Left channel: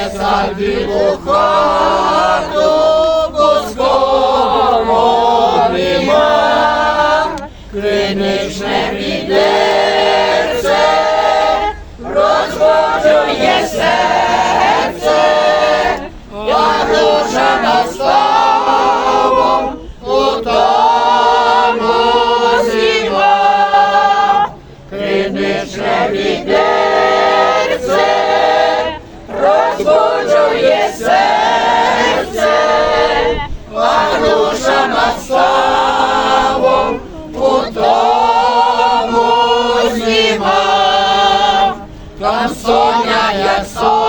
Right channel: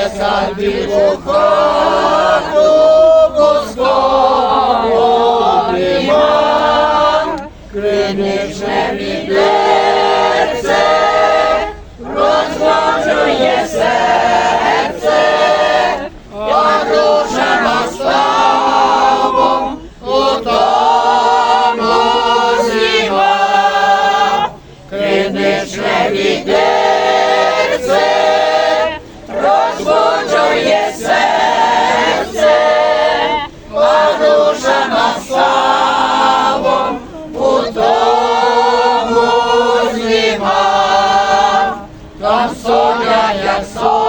У хату пуского нема, криничне відерце розбожує серце, а душа наставом у тому зіва. Криничне Соня, як сонце,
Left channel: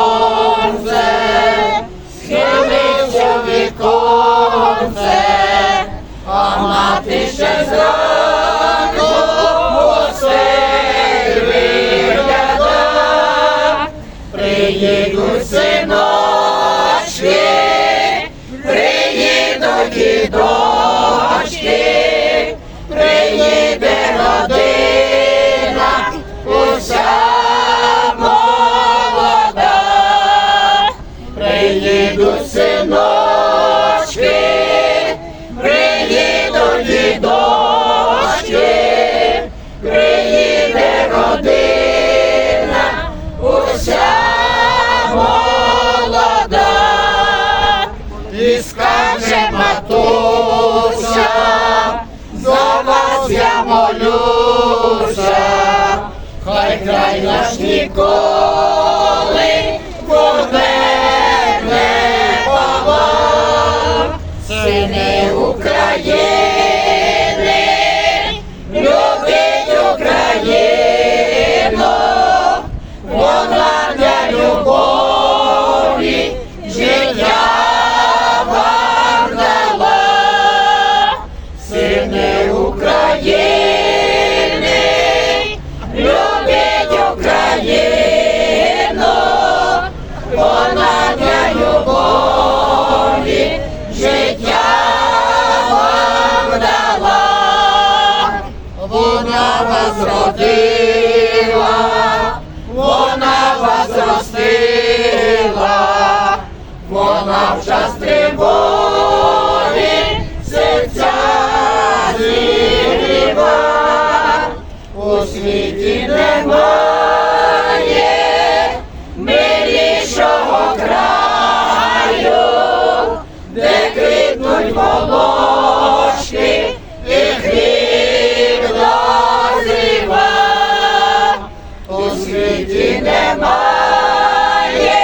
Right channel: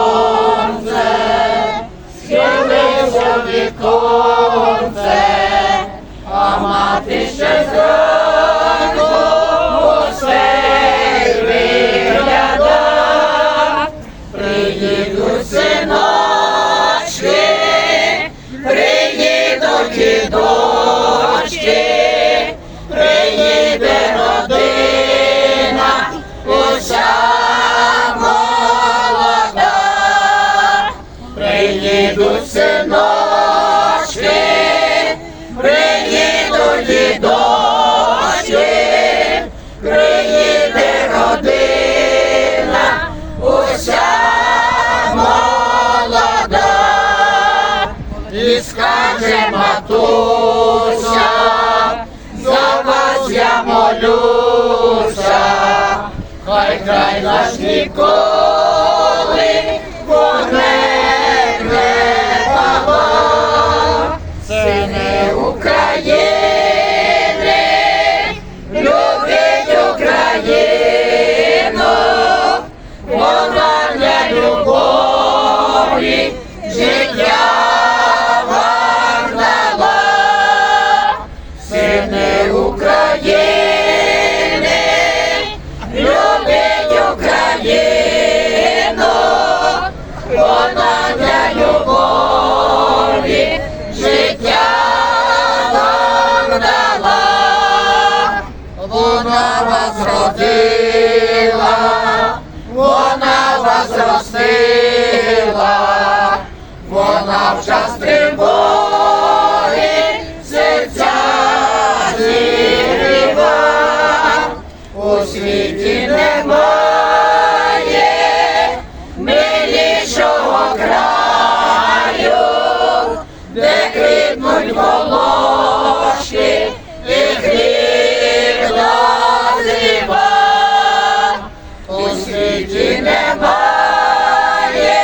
синочки, приїдуть і дочки, приїде родина, уся молода. І скаже матуся, за вас я молюся, хай край наш ніколи вас вона вас ростила, вона в час тривоги серця зігріва. У світі немає милішого краю, де квітнуть волошки світі немає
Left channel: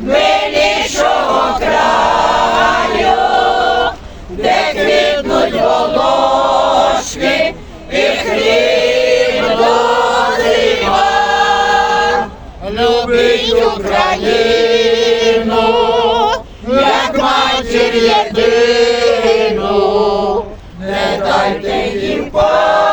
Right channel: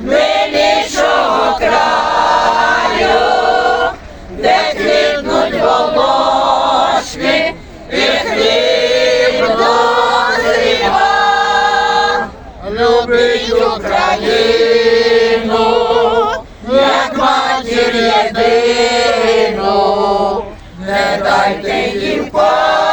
милішого краю, де квітнуть волошки і хліб дозріва. Любить Україну, як матір єдину, не дайте їм пасти,